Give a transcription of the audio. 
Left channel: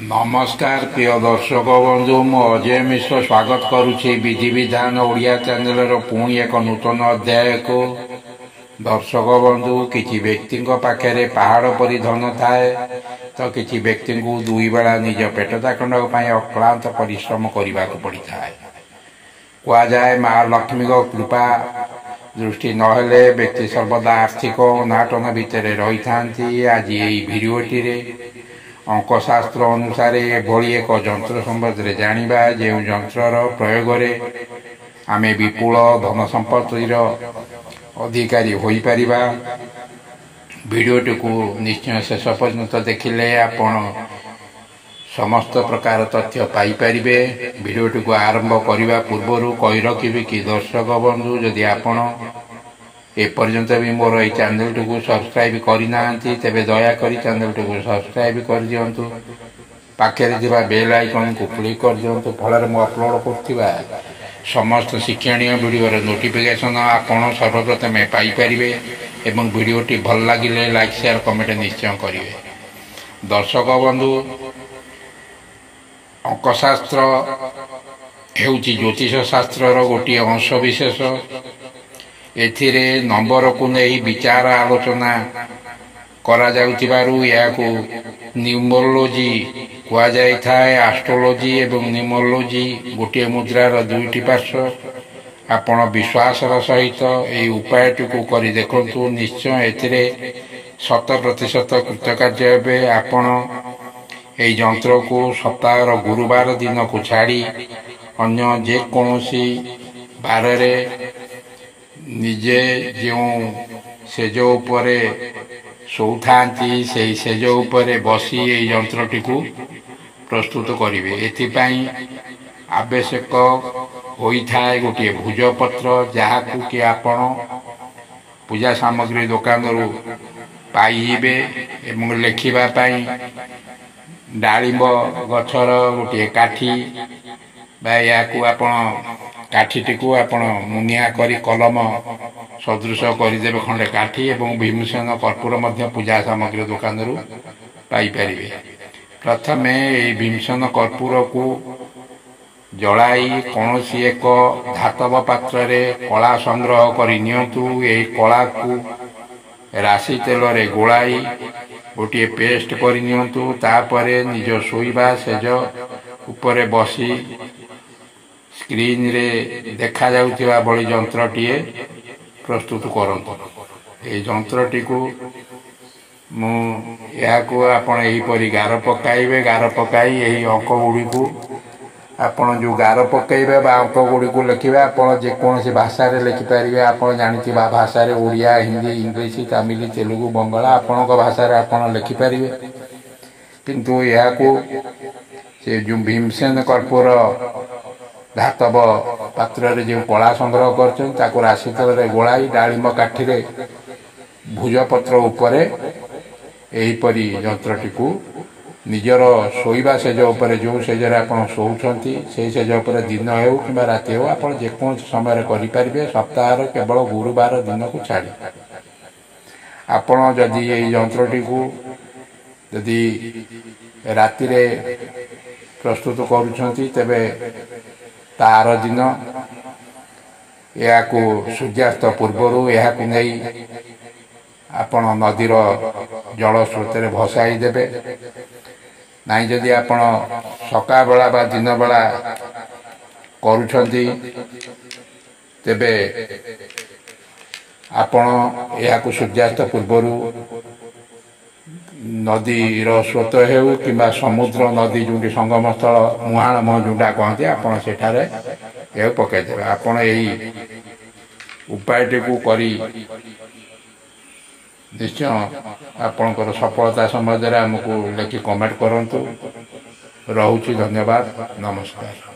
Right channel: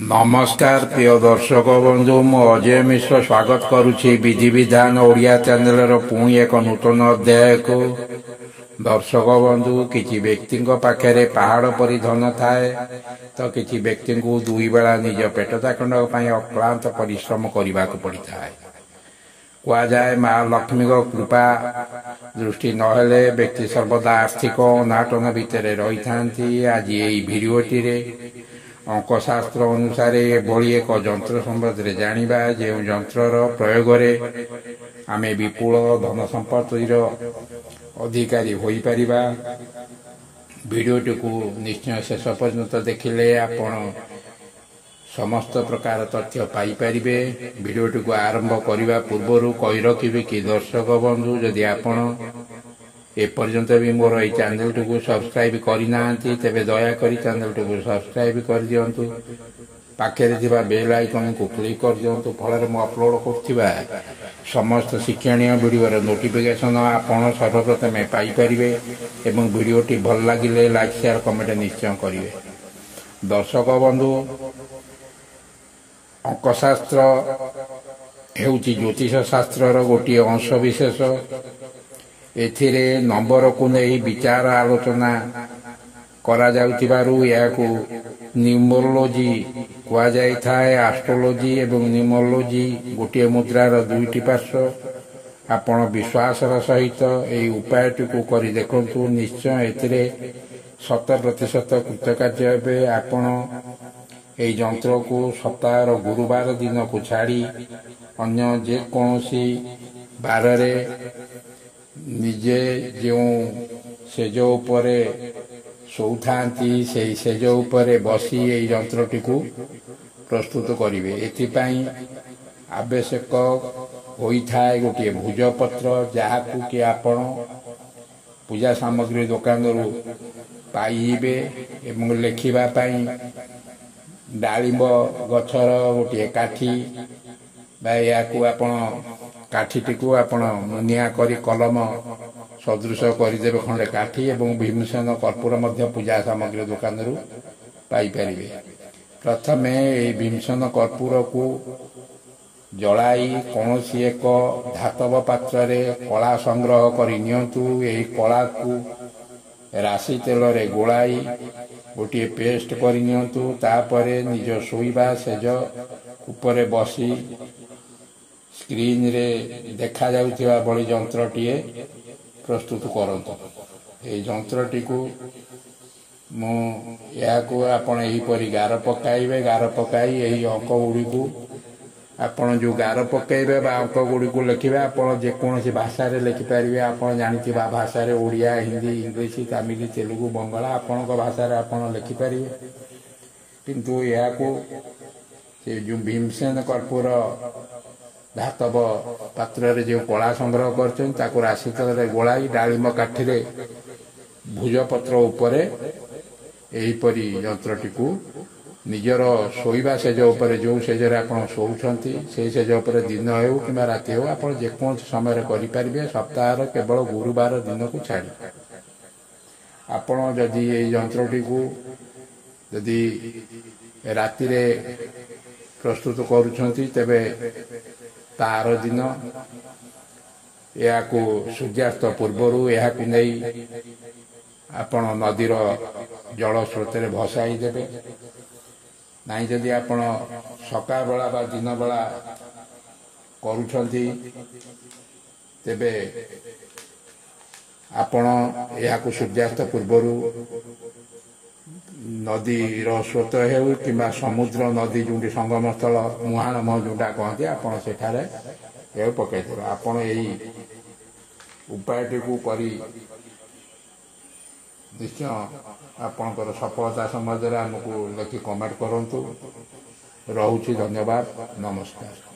नमस्कार प्रिय दर्शक बंधु मु अजय मिश्र स्वागत करुच्ची विधि विधान ओडिया चैनल पुणी एक नूतन अध्याय को। दर्शक बंधु किसी व्यक्ति पाखे पहाड़ परी धन थाए तो किसी व्यक्ति को दुई बेला निज पेट चाखंड अक्लांत परिश्रम करने को पड़ी था। कहुए महालक्ष्मी कृपा दृष्टि नहेले व्यक्ति सर्वदा आर्थिक अनाटन भितर रही था। आज यही भिडियोटी अंकशास्त्र अनुसार एभली एक जंत्र संबंध में जाना जो जंत्रर प्रयोग आम विपुल धन संपत्तिर अधिकारी हो पार। भिडियोटी को निश्चय शेष पर्यंत देखिले आपण समस्त प्रकार तथ्य पाइपर। भिडियोटी को आरंभ करने पूर्व कही रखी कि दर्शक बंधु जदि आपण एपर्यंत भी मोर ये चैनल टी को सब्सक्राइब करना तेरे दयाकोरी चैनल टी को सब्सक्राइब कर दिंतु। पाखे बेल आइकन को क्लिक कर दिंतु। फल मु अपलोड कर समस्त शिक्षणीय वीडियो नोटिफिकेशन आपण सर्वप्रथमे पाइपर। एवं वीडियोटी भल लगे लाइक शेयर कमेंट निश्चय करेंगे। दर्शक बंधु अंकशास्त्र हेउची ज्योतिष शास्त्र गोटे अंश विशेष। एथिरे नंबर को नहीं विचार आलोचना करा जाउतिबारु याको न्यूमरोलॉजी कहा जाय थाए। एस्ट्रोलॉजी एवं न्यूमरोलॉजी गोटे मुद्रार दुईटी पार्श्व। आपण विश्वासर सहित यही उपायटी को करी देखंतु। निश्चय एथिरे 100% कृतकार्य हेबे। आपण यही जंत्र को सप्ताहर गुरुवार दिन को छाड़ी अन्य जेकोसी बारे निजे जो सेज उपरे शोथांती से सेज उपरे बसी ये यंत्रटी को प्रस्तुत करेंगे। एथिपाई आवश्यक होता है गोटे भुजपत्र जहाँ कि आपण पूजा सामग्री दुकान रु पाइबे। एवं लिखापी डालिंब गछर गोटे काठी या काठीटी को आपण मुनिया करी कलम सदृश करदेवे खंडे काठी एवं भीमसेन कर्पूर मध्य पूजा सामग्री दुकान रु पाइपर। प्रथमे भीमसेन कर्पूर को जलाई कौन एक धातव पात्र कला संग्रह कर नियंतु। यही कला को राशि तेल रे गोलाई गोटे पेस्ट कर नियंतु। तापरे निज शोइबा सेज उपरे बसी स्क्रीन रे देखा जाउथिबा बड़ी जंत्रटीए प्रस्तुत करंतु। ए जंत्रटी को मु याकू आपण एही परी गार पकाइबे। गार पकाई यही अंक गुडी को आपण जो गार पकाइबे बा अंक गुडी को लिखिबे। आपण जे कोनसी भाषा रे लिखि परिबे। आपण जानिथिबा भाषा रे ओडिया हिंदी इंग्लिश तमिल तेलुगु बंगला आपण को भाषा रे आपण लिखि परिबे। किंतु याकू से जो भीमसेन कर्पूर धातव पात्र जो कला संग्रह कर राशि तेल गोलाई डालिम काठी भुजपत्र उपरे एहीपरी जंत्रटी को निजर शोइबा सेज उपरे जो सेजरे आपण शोउछंती से सेज उपरे दिन हो कि राति हो आपण जेको समय करें। सप्ताह केवल गुरुवार दिन को छाड़ी आपण जदि ये जंत्रटी को जदि राति रे प्रस्तुत करुछंती तेबे तार दिन या सूर्यास्त पूर्वर या आपण नदीर जल स्रोत भसाई देबे। नाई जदि आपण सका बेला बा दिन बेला करुछंती तेबे आपण या सूर्यास्त पूर्वर नदीर स्रोत हो कि समुद्र नदी जो संगम स्थल मुहाण मुह जोटा कहते आपड़ से पकईदे। आपड़ यही उपायटी को करी निश्चय आपणकर सफलता संबंध में आमको लिखि कमेंट करंतु। रहुछि धन्यवाद नमस्कार।